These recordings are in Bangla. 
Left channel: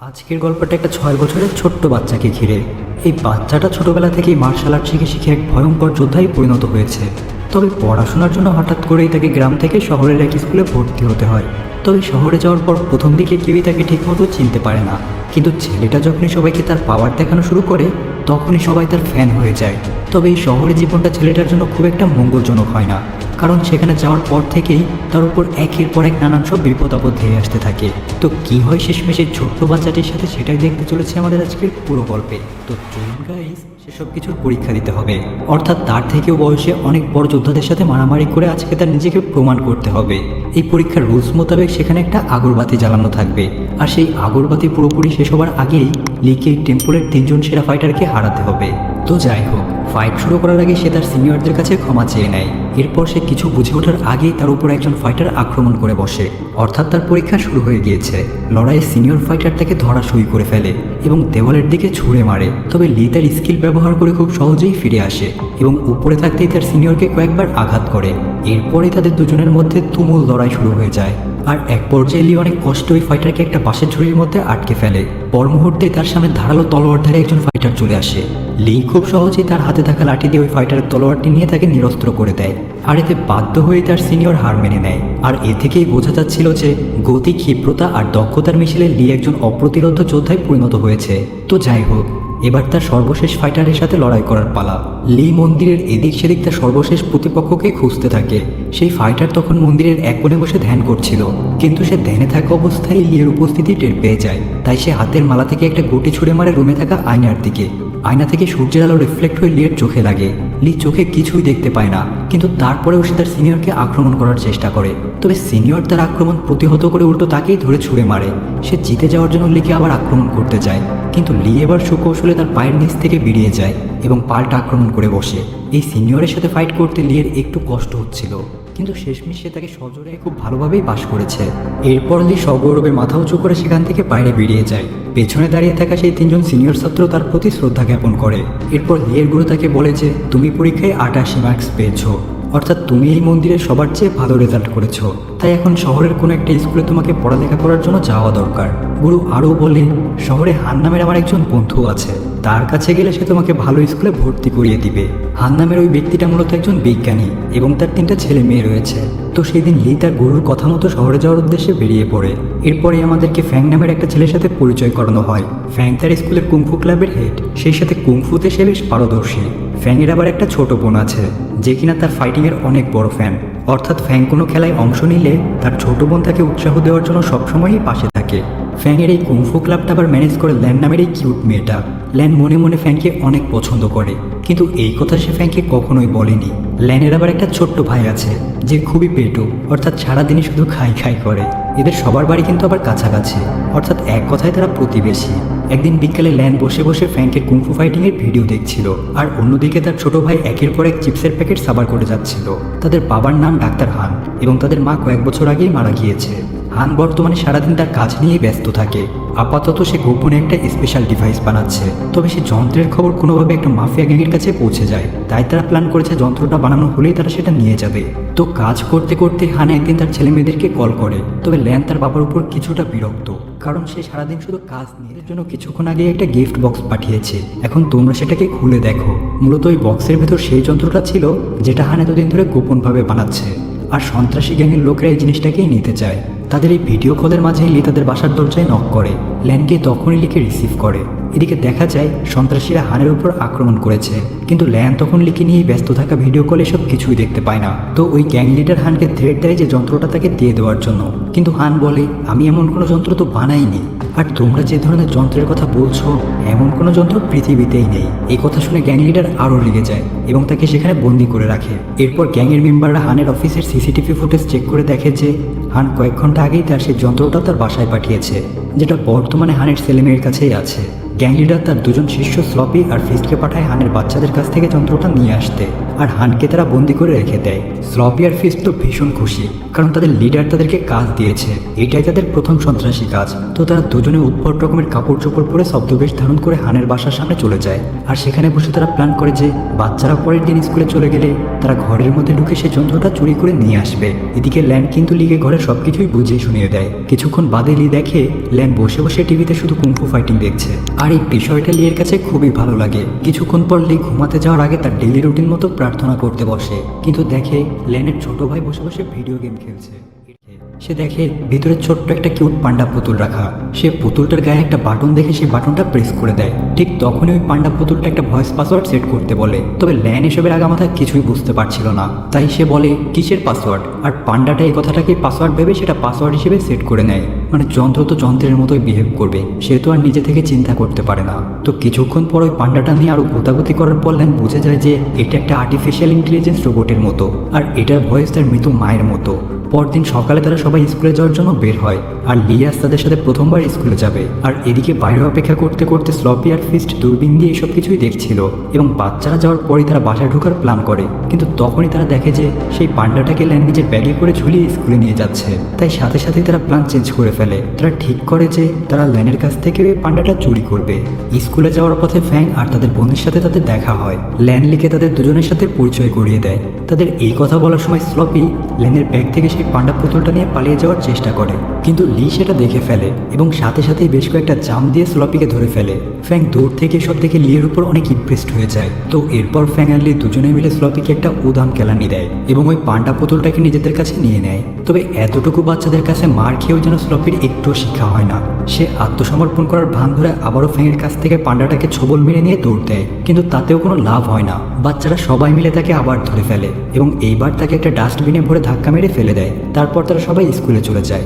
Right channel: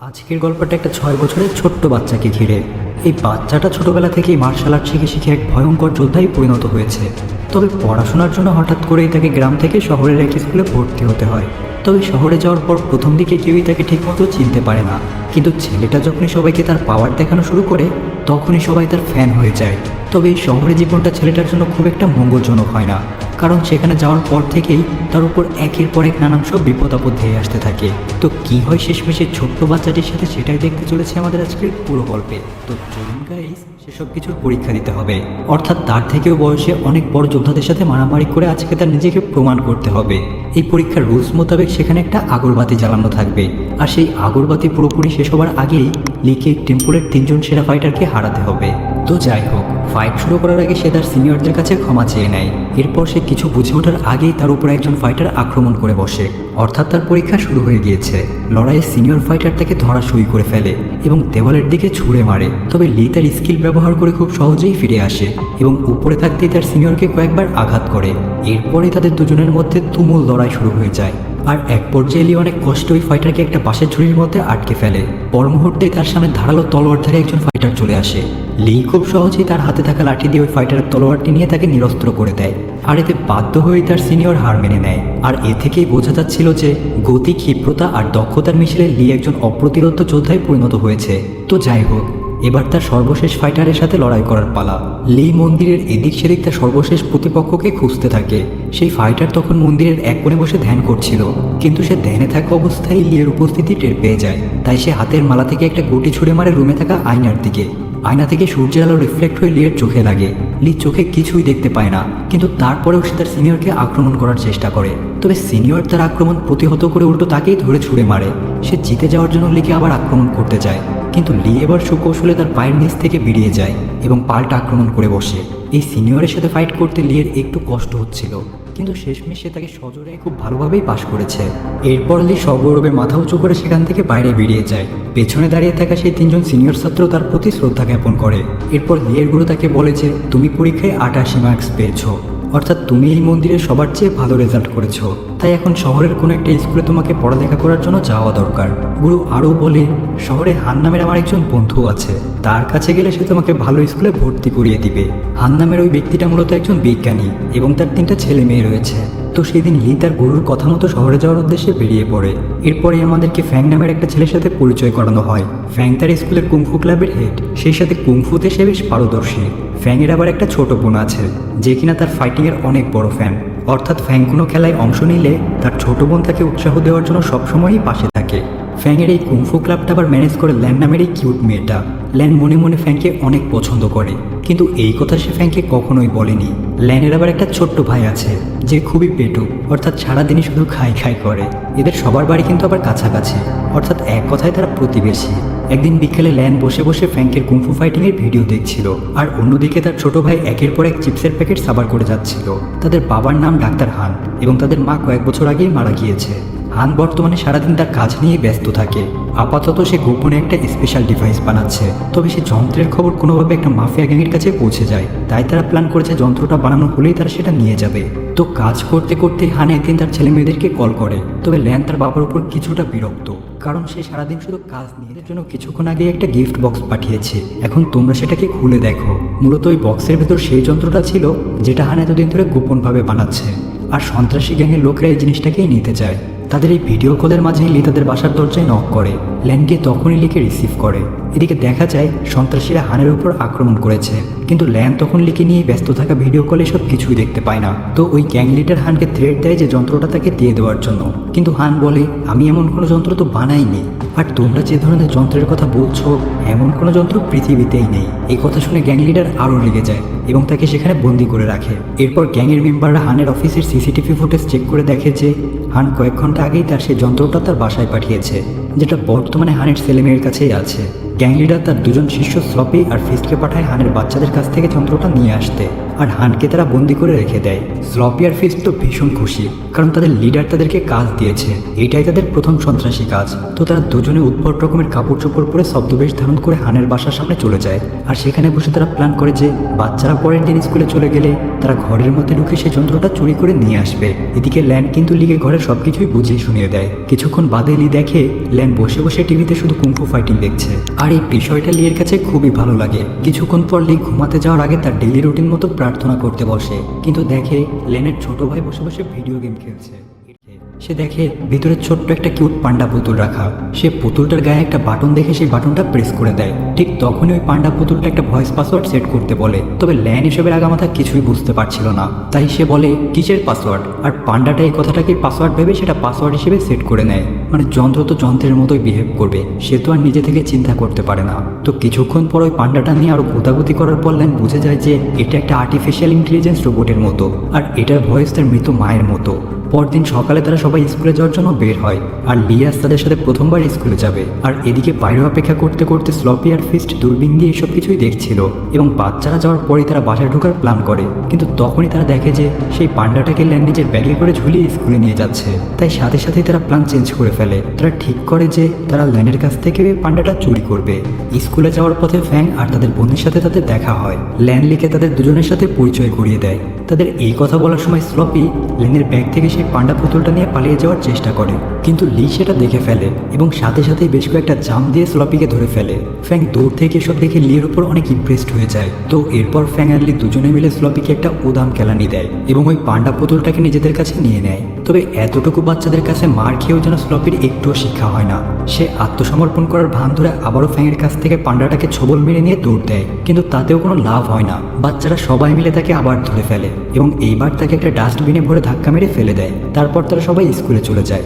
আজকের গল্পটা একটা ছয় বছরের ছোট্ট বাচ্চাকে ঘিরে। এই বাচ্চাটা ছোটবেলা থেকেই মার্শাল আর্ট শিখে শিখে এক ভয়ঙ্কর যোদ্ধায় পরিণত হয়েছে। তবে পড়াশোনার জন্য হঠাৎ করেই তাকে গ্রাম থেকে শহরের এক স্কুলে ভর্তি হতে হয়। তবে শহরে যাওয়ার পর প্রথম দিকে কেউই তাকে ঠিকমতো চিনতে পারে না। কিন্তু ছেলেটা যখনই সবাইকে তার পাওয়ার দেখানো শুরু করে, তখনই সবাই তার ফ্যান হয়ে যায়। তবে এই শহরের জীবনটা ছেলেটার জন্য খুব একটা মঙ্গলজনক হয় না। কারণ সেখানে যাওয়ার পর থেকেই তার উপর একের পর এক নানান সব বিপদ আপদ ধেয়ে আসতে থাকে। তো কি হয় শেষমেশে ছোট্ট বাচ্চাটির সাথে সেটাই দেখতে চলেছে আমাদের আজকের পুরো গল্পে। তো চলুন সেসব কিছুর পরীক্ষা দিতে হবে। অর্থাৎ তার থেকেও বয়সে অনেক বড় যোদ্ধাদের সাথে মারামারি করে আজকে তার নিজেকে প্রমাণ করতে হবে। এই পরীক্ষার রুলস মোতাবেক সেখানে একটা আগরবাতি জ্বালানো থাকবে। আর সেই আগরবাতি পুরোপুরি শেষ হওয়ার আগেই লিকে টেম্পলের তিনজন সেরা ফাইটারকে হারাতে হবে। তো যাই হোক ফাইট শুরু করার আগে সে তার সিনিয়রদের কাছে ক্ষমা চেয়ে নেয়। এরপর সে কিছু বুঝে ওঠার আগেই তার উপর একজন ফাইটার আক্রমণ করে বসে। অর্থাৎ তার পরীক্ষা শুরু হয়ে গিয়েছে। লড়াইয়ে সিনিয়র ফাইটার তাকে ধরা সই করে ফেলে এবং দেওয়ালের দিকে ছুঁড়ে মারে। তবে লি তার স্কিল ব্যবহার করে খুব সহজেই ফিরে আসে এবং উপরে থাকতেই তার সিনিয়রকে কয়েকবার আঘাত করে। এরপরে তাদের দুজনের মধ্যে তুমুল লড়াই শুরু হয়ে যায়। আর এক পর্যায়ে লি অনেক কষ্ট ওই ফাইটারকে একটা বাসের ঝুড়ির মধ্যে আটকে ফেলে। পর মুহূর্তে তার সামনে ধারালো তলোয়ার ধরে একজন ফাইটার চলে আসে। লি খুব সহজেই তার হাতে থাকা লাঠি দিয়ে ওই ফাইটারের তলোয়ারটি নিয়ে তাকে নিরস্ত্র করে দেয়। আর এতে বাধ্য হয়ে তার সিনিয়র হার মেনে নেয়। আর এ থেকেই বোঝা যাচ্ছিল যে গতি, ক্ষিপ্রতা আর দক্ষতার মিছিলে লি একজন অপ্রতিরোধ যোদ্ধায় পরিণত হয়েছে। তো যাই হোক এবার তার সর্বশেষ ফাইটারের সাথে লড়াই করার পালা। লি মন্দিরের এদিক সেদিক তার সর্বশেষ প্রতিপক্ষকে খুঁজতে থাকে। সেই ফাইটার তখন মন্দিরের এক কোণে বসে ধ্যান করছিল। কিন্তু সে ধ্যানে থাকা অবস্থায় লিয়ের উপস্থিতি টের পেয়ে যায়। তাই সে হাতের মালা থেকে একটা গুটি ছুঁড়ে মারে রুমে থাকা আয়নার দিকে। আয়না থেকে সূর্যের আলো রিফ্লেক্ট হয়ে লিয়ের চোখে লাগে। লি চোখে কিছুই দেখতে পায় না। কিন্তু তারপরেও সে তার সিনিয়রকে আক্রমণ করার চেষ্টা করে। তবে সিনিয়র তার আক্রমণ প্রতিহত করে উল্টো তাকেই ধরে ছুঁড়ে মারে। সে জিতে যাওয়ার জন্য লিকে আবার আক্রমণ করতে যায়। কিন্তু লি এবার সুকৌশলে তার পায়ের নিচ থেকে বেরিয়ে যায় এবং পাল্টা আক্রমণ করে বসে। এই সিনিয়রের সাথে ফাইট করতে লিয়ের একটু কষ্ট হচ্ছিল, কিন্তু শেষমেশ সে তাকে সজোরে খুব ভালোভাবেই পাশ করেছে। এরপর লি সগৌরবের মাথা উঁচু করে সেখান থেকে বাইরে বেরিয়ে যায়। পেছনে দাঁড়িয়ে থাকা সেই তিনজন সিনিয়র ছাত্র তার প্রতি শ্রদ্ধা জ্ঞাপন করে। এরপর লিয়ের গুরু তাকে বলে যে, তুমি পরীক্ষায় আটাশি মার্কস পেয়েছ। অর্থাৎ তুমি এই মন্দিরে সবার চেয়ে ভালো রেজাল্ট করেছ। তাই এখন শহরের কোনো একটা স্কুলে তোমাকে পড়ালেখা করার জন্য যাওয়া দরকার। গুরু আরও বলে শহরে হান নামের আমার একজন বন্ধু আছে। তার কাছে গেলে সে তোমাকে ভালো স্কুলে ভর্তি করিয়ে দিবে। হান নামের ওই ব্যক্তিটা মূলত একজন বিজ্ঞানী এবং তার তিনটা ছেলে মেয়ে রয়েছে। তো সেদিন লি তার গুরুর কথা মতো শহরে যাওয়ার উদ্দেশ্যে বেরিয়ে পড়ে। এরপরে আমাদেরকে ফ্যাং নামের একটা ছেলের সাথে পরিচয় করানো হয়। ফ্যাং তার স্কুলের কুংফু ক্লাবের হেড সেই সাথে কুংফুতে সে বেশ পারদর্শী। ফ্যাংয়ের আবার একটা ছোট বোন আছে, যে কিনা তার ফাইটিংয়ের অনেক বড় ফ্যান অর্থাৎ ফ্যাং কোনো খেলায় অংশ নিলে তার ছোট বোন তাকে উৎসাহ দেওয়ার জন্য সবসময়ই পাশে থাকে। ফ্যাংয়ের এই কুংফু ক্লাবটা আবার ম্যানেজ করে ল্যান নামের এই কিউট মেয়েটা। ল্যান মনে মনে ফ্যাংকে অনেক পছন্দ করে। কিন্তু এই কথা সে ফ্যাংকে কখনোই বলেনি। ল্যানের আবার একটা ছোট্ট ভাই আছে, যে খুবই পেটো, অর্থাৎ সারাদিনই শুধু খাই খাই করে। এদের সবার বাড়ি কিন্তু আবার কাছাকাছি। অর্থাৎ এক কথায় তারা প্রতিবেশী। একদিন বিকেলে ল্যান বসে বসে ফ্যাংকের কুংফু ফাইটিংয়ের ভিডিও দেখছিল, আর অন্যদিকে তার ছোট ভাই একের পর এক চিপসের প্যাকেট সাবার করে যাচ্ছিল। তাদের বাবার নাম ডাক্তার হান, এবং তাদের মা কয়েক বছর আগেই মারা গিয়েছে। হান বর্তমানে সারাদিন তার কাজ নিয়ে ব্যস্ত থাকে। আপাতত সে গোপনে একটা স্পেশাল ডিভাইস বানাচ্ছে। তবে সে যন্ত্রের খবর কোনোভাবে একটা মাফিয়া গ্যাংয়ের কাছে পৌঁছে যায়। তাই তারা প্ল্যান করেছে যন্ত্রটা বানানো হলেই তারা সেটা নিয়ে যাবে। তো কাজ করতে করতে হান একদিন তার ছেলে মেয়েদেরকে কল করে। তবে ল্যান তার বাবার উপর কিছুটা বিরক্ত। কারণ সে সারাদিন শুধু কাজ নিয়ে জন্য কিছুক্ষণ আগে একটা গিফট বক্স পাঠিয়েছে। এখন তোমরা সেটাকে খুলে দেখো। মূলত ওই বক্সের ভেতর সেই যন্ত্রটা ছিল, যেটা হান এতদিন ধরে গোপনভাবে বানাচ্ছে। আর সন্ত্রাসী গ্যাংয়ের লোকেরা এই জিনিসটাকেই নিতে চায়। তাদের এই ভিডিও কলের মাঝে লি তাদের বাসার দরজায় নক করে ল্যানকে তখনই লিকে রিসিভ করে। এদিকে দেখা যায়, সন্ত্রাসীরা হানের উপর আক্রমণ করেছে। কিন্তু ল্যান তখন লিকে নিয়ে ব্যস্ত থাকা ভিডিও কলে সব কিছুই দেখতে পায় না। তো ওই গ্যাং লিডার হানকে থ্রেট দেয় যে যন্ত্রটা তাকে দিয়ে দেওয়ার জন্য। কিন্তু হান বলে, আমি এমন কোনো যন্ত্র তো বানাইনি। আর তোমরা যে ধরনের যন্ত্রের কথা বলছো, এমন কোনো যন্ত্র পৃথিবীতেই নেই। এই কথা শুনে গ্যাং লিডার আরও লেগে যায় এবং তাকে সেখানে বন্দি করে রাখে। এরপর গ্যাংয়ের মেম্বাররা হানের অফিসের সিসিটিভি ফুটেজ চেক করে দেখে যে হান কয়েক ঘণ্টা আগেই তার সেই যন্ত্রটা তার বাসায় পাঠিয়েছে, যেটা বর্তমানে হানের ছেলেমেয়ের কাছেই আছে। গ্যাং লিডার তার দুজন শিষ্য স্লপি আর ফিস্টকে পাঠায় হানের বাচ্চাদের কাছ থেকে যন্ত্রটা নিয়ে আসতে, আর হানকে তারা বন্দি করে রেখে দেয়। স্লপি আর ফিস্ট তো ভীষণ খুশি, কারণ তাদের লিডার তাদেরকে কাজ দিয়েছে। এটাই তাদের প্রথম সন্ত্রাসী কাজ। তো তারা দুজনে উদ্ভট রকমের কাপড় চোপড় পরে শব্দবেশ ধারণ করে হানের বাসার সামনে চলে যায়। আর সেখানে বসে তারা প্ল্যান করে যে বাচ্চারা পরের দিন স্কুলে চলে গেলে তারা ঘরের মধ্যে ঢুকে সেই যন্ত্রটা চুরি করে নিয়ে আসবে। এদিকে ল্যান্ড কিন্তু লিগে ঘরে সবকিছুই বুঝিয়ে শুনিয়ে দেয়। কিছুক্ষণ বাদে লি দেখে ল্যান্ড বসে বসে টিভিতে শুধু কুম্ফু ফাইটিং দেখছে। আর এই বিষয়টা লিয়ের কাছে খুবই ভালো লাগে। কিছুক্ষণ পর লি ঘুমাতে যাওয়ার আগে তার ডেলি রুটিন মতো প্রার্থনা করতে বসে। কিন্তু দেখে লেনের ছোট ভাই বসে বসে ভিডিও গেম খেলছে। সে দেখে ভিতরে ছোট্ট একটা কিউট পান্ডা পুতুল রাখা। সে পুতুলটার গায়ে একটা বাটন দেখে সেই বাটনটা প্রেস করে দেয়। ঠিক তখনই ওই পান্ডা পুতুলটা একটা ভয়েস পাসওয়ার্ড সেট করতে বলে। তবে ল্যান হিসেবে আগা মাথা কিছুই বুঝতে পারছিল না। তাই সে বলে, কিসের পাসওয়ার্ড আর পান্ডাটা এই কথাটাকে পাসওয়ার্ড ভেবে সেটা পাসওয়ার্ড হিসেবে সেট করে নেয়। মানে যন্ত্র তো যন্ত্রের মতোই বিহেভ করবে। সে তো আর নিজে থেকে চিন্তা করতে পারে না। তো কিছুক্ষণ পর ওই পান্ডাটা নিয়ে আরও গোতাগুতি করার পর ল্যান বুঝে যায় যে, এটা একটা আর্টিফিশিয়াল ইন্টেলিজেন্স রোবটের মতো। আর এটার ভয়েস তার মৃত মায়ের মতো। পরদিন সকালে তারা সবাই স্কুলে যাওয়ার জন্য বের হয় আর লিয়াস তাদের সাথে প্রথমবার স্কুলে যাবে। আর এদিকে বাইরে অপেক্ষা করতে করতে স্লপি আর ফিস্ট দূরবীন দিয়ে এসব কিছুই দেখছিল এবং বাচ্চারা যাওয়ার পরই তারা বাসায় ঢোকার প্ল্যান করে। কিন্তু তখনই তারা দেখে যে সেই পান্ডাটাকে ল্যান নিজের ব্যাগে করে ঝুলিয়ে স্কুলে নিয়ে যাচ্ছে। তাই সাথে সাথেই তারা প্ল্যান চেঞ্জ করে ফেলে। তারা ঠিক করে যে তারা ল্যানের কাছ থেকে ওই পান্ডাটা চুরি করবে। স্কুলে যাওয়ার পথে ফ্যাং আর তাদের বন্ধুর সাথে তাদের দেখা হয়। ল্যান লিখে তাদের দুজনের সাথে পরিচয় করিয়ে দেয়। তাদের এই কথা বলার সময় স্লপি লেনের ব্যাগ থেকে সেই পান্ডা পুতুলটা নিয়ে পালিয়ে যাওয়ার চেষ্টা করে। কিন্তু লি সেটা দেখে ফেলে এবং সাথে সাথেই বেশ কয়েকটা জাম দিয়ে স্লপিকে ধরে ফেলে। ফ্যাং দূর থেকে সব দেখে লির উপর অনেক ইমপ্রেসড হয়ে যায়। তো এরপর ফ্যাং আর লি দুজনে মিলে স্লপিকে একটা উদাম কেলানি দেয় এবং ওই পান্ডা পুতুলটাকে নিজেদের কাছে নিয়ে নেয়। তবে এতটুকু বাচ্চাদের কাছে মার খেয়েও যেন স্লপির একটু শিক্ষা হয় না। সে আত্মসমর্পণ করার ভান ধরে আবারও ফ্যাংয়ের কাছ থেকে পান্ডাটাকে ছবল মেরে নিয়ে দৌড় দেয়। কিন্তু তাতেও কোনো লাভ হয় না। বাচ্চারা সবাই মিলে তাকে আবার ধরে ফেলে এবং এইবার তাকে একটা ডাস্টবিনে ভরে ধাক্কা মেরে ফেলে দেয়। তারপর তারা সবাই স্কুলে চলে যায়।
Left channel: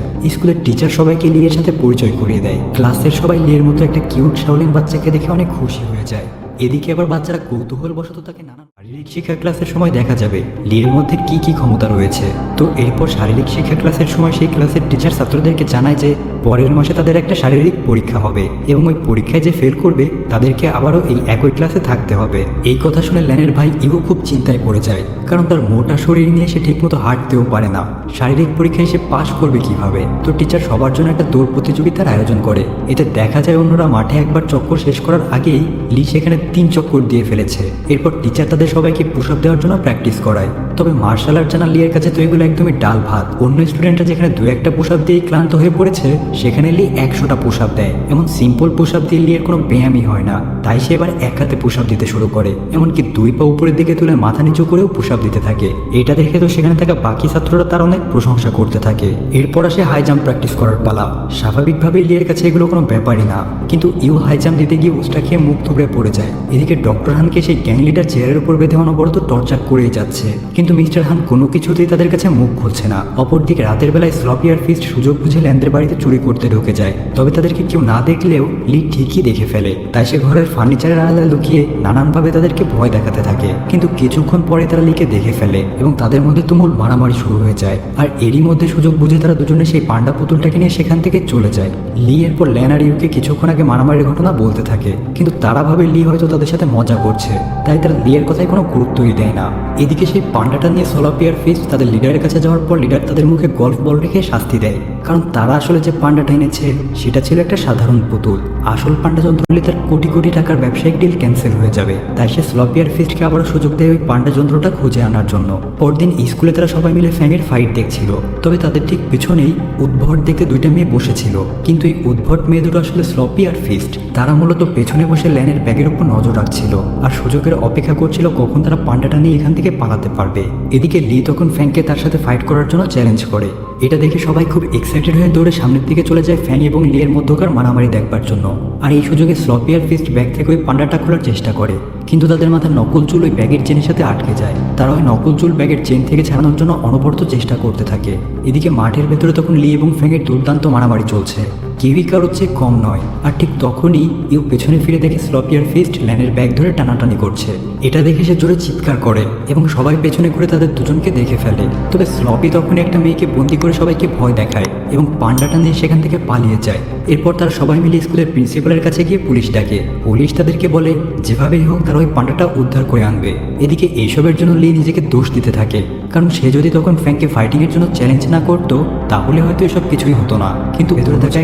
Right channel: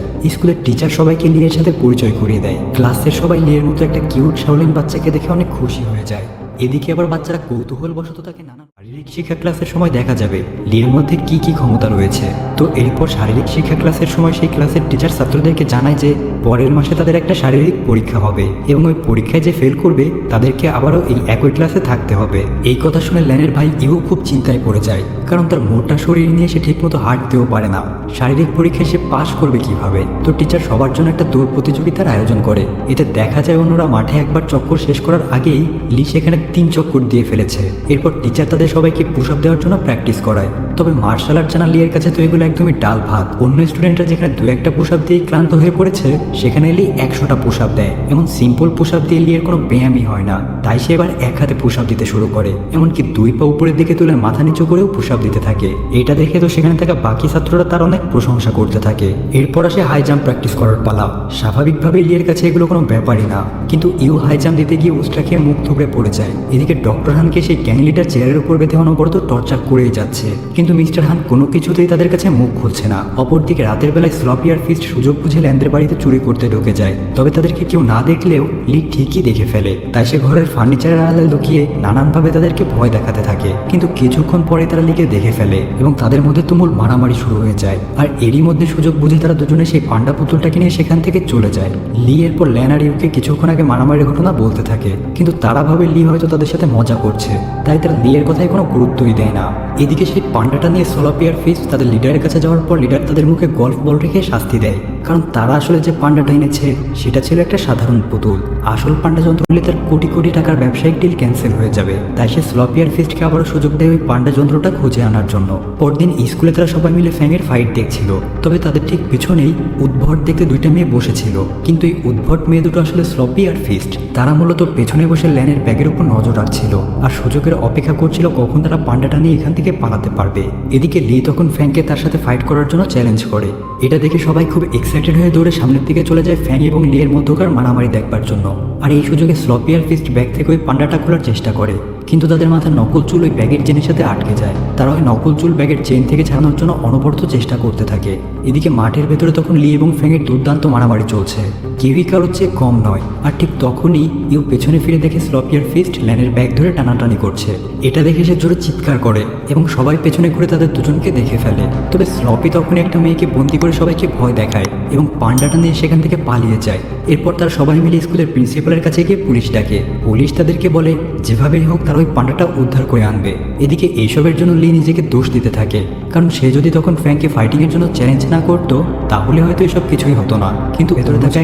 স্কুলের টিচার সবাইকে লিয়ের সাথে পরিচয় করিয়ে দেয়। ক্লাসের সবাই লিয়ের মতো একটা কিউট শাওলিন বাচ্চাকে দেখে অনেক খুশি হয়ে যায়। এদিকে আবার বাচ্চারা কৌতূহল বশত তাকে নানা শারীরিক শিক্ষা ক্লাসের সময় দেখা যাবে। লিয়ের মধ্যে কি কি ক্ষমতা রয়েছে? তো এরপর শারীরিক শিক্ষা ক্লাসের সময় সেই ক্লাসের টিচার ছাত্রদেরকে জানায় যে পরের মাসে তাদের একটা শারীরিক পরীক্ষা হবে এবং ওই পরীক্ষায় যে ফেল করবে, তাদেরকে আবারও এই একই ক্লাসে থাকতে হবে। এই কথা শুনে ল্যানের ভাই ইউ খুব চিন্তায় পড়ে যায়, কারণ তার মোটা শরীর নিয়ে সে ঠিকমতো হাঁটতেও পারে না। শারীরিক পরীক্ষায় সে পাশ করবে কীভাবে? তো টিচার সবার জন্য একটা দৌড় প্রতিযোগিতার আয়োজন করে। এতে দেখা যায় অন্যরা মাঠে একবার চক্কর শেষ করার আগেই লি সেখানে তিন চক্কর দিয়ে ফেলেছে। এরপর টিচার তাদের সবাইকে পুশ আপ দেওয়ার জন্য প্র্যাকটিস করায়। তবে মার্শাল আর্ট জানা লিয়ের কাছে তো এগুলো একদমই ডাল ভাত। অন্য স্টুডেন্টরা যেখানে দু একটা পুশ আপ দিয়ে ক্লান্ত হয়ে পড়েছে সেখানে লি একশোটা পুশ দেয়। এমন সিম্পল পুশ আপ দিয়ে লিয়ের কোনো ব্যায়ামই হয় না। তাই সে এবার এক হাতে পুশ দিতে শুরু করে। এমনকি দুই পা উপরের দিকে তুলে মাথা নিচু করেও পুশ দিতে থাকে। এটা দেখে তো সেখানে থাকা বাকি ছাত্ররা তার অনেক প্রশংসা করতে থাকে। এরপর আসে হাই জাম্প প্র্যাকটিস করার পালা। স্বাভাবিকভাবে লিয়ের কাছে এগুলো কোনো ব্যাপারই না। কিন্তু ইউ হাই জাম্প দিতে গিয়ে উস্টা খেয়ে মুখ থুবড়ে পড়ে যায়। এদিকে ডক্টর হানকে সেই গ্যাং চেয়ারের উপর বেঁধে অনবরত টর্চার করেই যাচ্ছে। কিন্তু মিস্টার হান কোনো কিছুতেই তাদের কাছে মুখ খুলছে না। অপরদিকে রাতের বেলায় স্লপি আর ফিস্ট সুযোগ বুঝে ল্যান্ডের বাড়িতে চুরি করতে ঢুকে যায়। তবে তাদেরকে কেউ না দেখলেও লি ঠিকই দেখে ফেলে। তাই সে ঘরের ফার্নিচারের আড়ালে লুকিয়ে নানানভাবে তাদেরকে ভয় দেখাতে থাকে। কিন্তু কিছুক্ষণ পরে তারা লিকে দেখে ফেলে এবং তাদের মধ্যে তুমুল মারামারি শুরু হয়ে যায়। আর এরই মধ্যে সুযোগ বুঝে তারা দুজনে সেই পান্ডা পুতুলটাকে নিয়ে সেখান থেকে চলে যায়। লি এরপর ল্যান আর ইউকে কিছুক্ষণ আগে মারামারির ঘটনা বলতে থাকে। কিন্তু তারা ভাবে লি হয়তো তাদের সাথে মজা করছে। তাই তারা লিয়ের কথায় কোনো গুরুত্বই দেয় না। এদিকে সেই পান্ডাটা নিয়ে সোলাপি আর ফিস তাদের লিডারের কাছে যাওয়ার পর লিডার তাদের মুখে গল্ফ বল রেখে শাস্তি দেয়। কারণ তারা আসলে যে পান্ডাটা এনেছে সেটা ছিল একটা সাধারণ পুতুল। আসল পান্ডা যন্ত্র হলে তার কোটি কোটি টাকার ব্যবসায়িক ডিল ক্যান্সেল হয়ে যাবে। তাই সে স্লপিয়ার ফিস্টকে আবারও সুযোগ দেয় ওই পান্ডা যন্ত্রটা খুঁজে আনার জন্য। পরদিন স্কুলে তারা সবাই মিলে ফ্যানের ফাইট দেখছিল। তবে তাদের ঠিক পিছনেই উদ্ভট দেখে দুইটা মেয়ে বসেছিল। কিন্তু এই উদ্ভট মেয়ে দুটো আসলে স্লপি আর ফিস্ট তারা মূলত পেছনে বসে ল্যানের ব্যাগের উপর নজর রাখছিল। আর সুযোগের অপেক্ষা করছিল কখন তারা পান্ডাটা নিয়ে এখান থেকে পালাতে পারবে। এদিকে লি তখন ফ্যানকে তার সাথে ফাইট করার জন্য চ্যালেঞ্জ করে। এটা দেখে সবাই খুব এক্সাইটেড হয়ে দৌড়ে সামনের দিকে চলে যায় ফ্যান এবং লি এর মধ্যকার মারামারি দেখবার জন্য। আর এই সুযোগে স্লপিয়ার ফিস্ট ব্যাগ থেকে ওই পান্ডাটা খোলার চেষ্টা করে। কিন্তু তাদের মাথার নকল চুল ওই ব্যাগের চেনের সাথে আটকে যায়। তারা ওই নকল চুল ব্যাগের চেন থেকে ছাড়ানোর জন্য অনবরত চেষ্টা করতে থাকে। এদিকে মাঠের ভেতরে তখন লি এবং ফ্যাংয়ের দুর্দান্ত মারামারি চলছে। কেউই কারোর চেয়ে কম নয়, আর ঠিক তখনই ইউ পেছনে ফিরে দেখে স্লপিয়ার ফিস্ট ল্যানের ব্যাগ ধরে টানাটানি করছে। এটা দেখে সে জোরে চিৎকার করে এবং সবাই পেছনে ঘুরে তাদের দুজনকে দেখে ফেলে। তবে স্লপি তখনই একটা মেয়েকে বন্দি করে সবাইকে ভয় দেখায় এবং পান্ডাটা নিয়ে সেখান থেকে পালিয়ে যায়। এরপর তারা সবাই মিলে স্কুলের প্রিন্সিপালের কাছে গিয়ে পুলিশ ডাকে। পুলিশ তাদেরকে বলে, যেভাবেই হোক তারা ওই পান্ডাটা উদ্ধার করে আনবে। এদিকে এইসবের জন্য লি নিজেকে দোষ দিতে থাকে, কারণ সে যদি তখন ফ্র্যাঙ্ককে ফাইটিং এর জন্য চ্যালেঞ্জ না করতো, তাহলে হয়তো এসব কিছুই হতো না। কিন্তু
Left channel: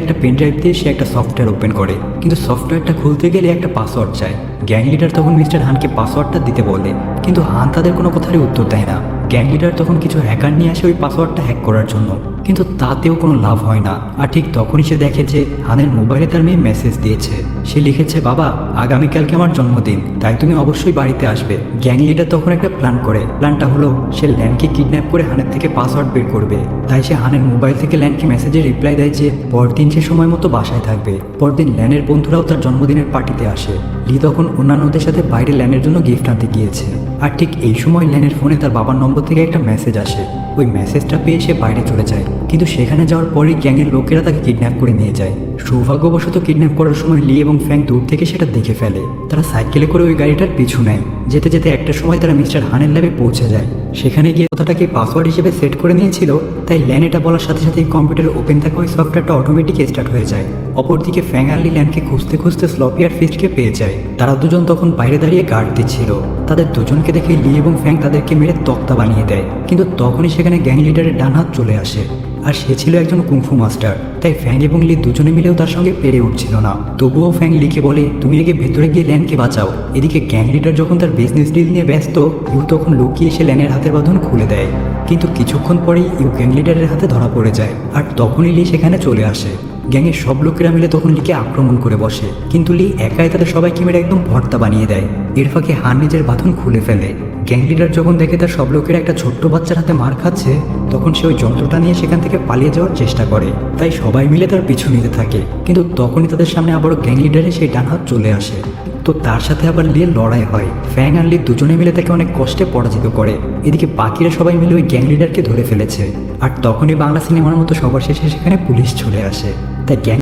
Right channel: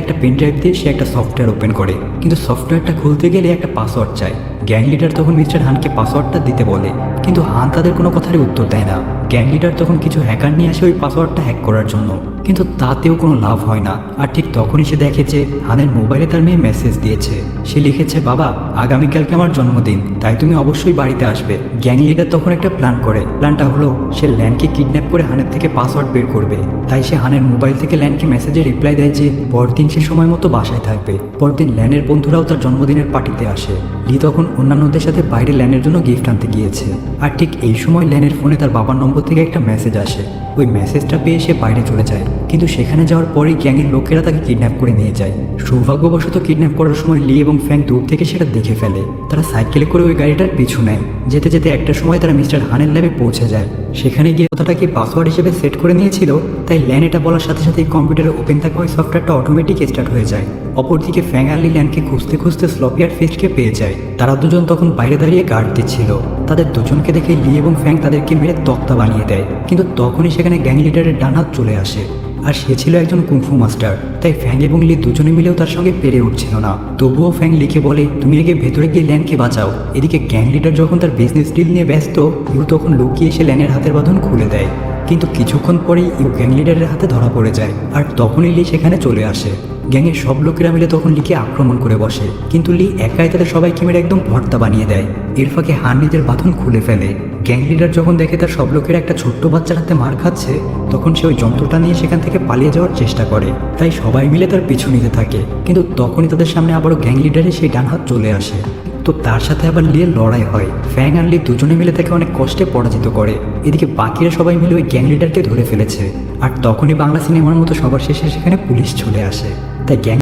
একটা পেন ড্রাইভ দিয়ে সে একটা সফটওয়্যার ওপেন করে। কিন্তু সফটওয়্যারটা খুলতে গেলে একটা পাসওয়ার্ড চাই। গ্যাং লিডার তখন মিস্টার হানকে পাসওয়ার্ডটা দিতে বলে, কিন্তু হান তাদের কোনো কথারই উত্তর দেয় না। গ্যাং লিডার তখন কিছু হ্যাকার নিয়ে আসে ওই পাসওয়ার্ডটা হ্যাক করার জন্য। কিন্তু তাতেও কোনো লাভ হয় না। আর ঠিক তখনই সে দেখে যে হানের মোবাইলে তার মেয়ে মেসেজ দিয়েছে। সে লিখেছে, বাবা, আগামীকালকে আমার জন্মদিন, তাই তুমি অবশ্যই বাড়িতে আসবে। গ্যাং লিডার তখন একটা প্ল্যান করে। প্ল্যানটা হলো, সে ল্যানকে কিডন্যাপ করে হানের থেকে পাসওয়ার্ড বের করবে। তাই সে হানের মোবাইল থেকে ল্যানকে মেসেজে রিপ্লাই দেয় যে, পরদিন সে সময় মতো বাসায় থাকবে। পরদিন ল্যানের বন্ধুরাও তার জন্মদিনের পার্টিতে আসে। লি তখন অন্যান্যদের সাথে বাইরে ল্যানের জন্য গিফট আনতে গিয়েছে। আর ঠিক এই সময় ল্যানের ফোনে তার বাবার নম্বর থেকে একটা মেসেজ আসে। ওই মেসেজটা পেয়ে সে বাইরে চলে যায়। কিন্তু সেখানে যাওয়ার পরে গ্যাংয়ের লোকেরা তাকে কিডন্যাপ করে নিয়ে যায়। সৌভাগ্যবশত কিডন্যাপ করার সময় লি এবং ফ্যাং দূর থেকে সেটা দেখে ফেলে। তারা সাইকেলে করে ওই গাড়িটার পিছু নেয়। যেতে যেতে একটা সময় তারা মিস্টার হানের ল্যাবে পৌঁছে যায়। সেখানে গিয়ে কথাটাকে পাসওয়ার্ড হিসেবে সেট করে নিয়েছিল। তাই ল্যান এটা বলার সাথে সাথে কম্পিউটার ওপেন থাকা ওই সফটওয়্যারটা অটোমেটিক স্টার্ট হয়ে যায়। অপরদিকে ফ্যাং আর ল্যানকে খুঁজতে খুঁজতে স্লপিয়ার ফিস্টকে পেয়ে যায়। তারা দুজন তখন বাইরে দাঁড়িয়ে গার্ড দিচ্ছিল তাদের দুজনকে দেখে লি এবং ফ্যাং তাদেরকে মেরে তক্তা বানিয়ে দেয়। কিন্তু তখনই সেখানে গ্যাং লিডারের ডান হাত চলে আসে। আর সে ছিল একজন কুংফু মাস্টার। তাই ফ্যাং এবং লি দুজনে মিলেও তার সঙ্গে পেরে উঠছিল না। তবুও ফ্যাং লিখে বলে, তুমি লিখে ভেতরে গিয়ে ল্যানকে বাঁচাও। এদিকে গ্যাং লিডার যখন তার বিজনেস ডিল নিয়ে ব্যস্ত, ইউ তখন লুকিয়ে এসে ল্যানের হাতের বাঁধন খুলে দেয়। কিন্তু কিছুক্ষণ পরেই ইউ গ্যাং লিডারের হাতে ধরা পড়ে যায়। আর তখনই লি সেখানে চলে আসে। গ্যাংয়ের সব লোকেরা মিলে তখন লিকে আক্রমণ করে বসে। কিন্তু লি একাই তাদের সবাইকে মিলে একদম ভর্তা বানিয়ে দেয়। এর ফাঁকে হান নিজের বাঁধন খুলে ফেলে। গ্যাং লিডার যখন দেখে তার সব লোকের একটা ছোট্ট বাচ্চার হাতে মার খাচ্ছে, তখন সে ওই যন্ত্রটা নিয়ে সেখান থেকে পালিয়ে যাওয়ার চেষ্টা করে। তাই সবাই মিলে তার পিছু নিতে থাকে। কিন্তু তখনই তাদের সামনে আবারও গ্যাং লিডারে সেই ডান হাত চলে আসে। তো তার সাথে আবার লিয়ে লড়াই হয়। ফ্যাং আর লি দুজনে মিলে তাকে অনেক কষ্টে পরাজিত করে। এদিকে বাকিরা সবাই মিলে ওই গ্যাং লিডারকে ধরে ফেলেছে। আর তখনই বাংলা সিনেমার মতো সবার শেষে সেখানে পুলিশ চলে আসে। তাই গ্যাং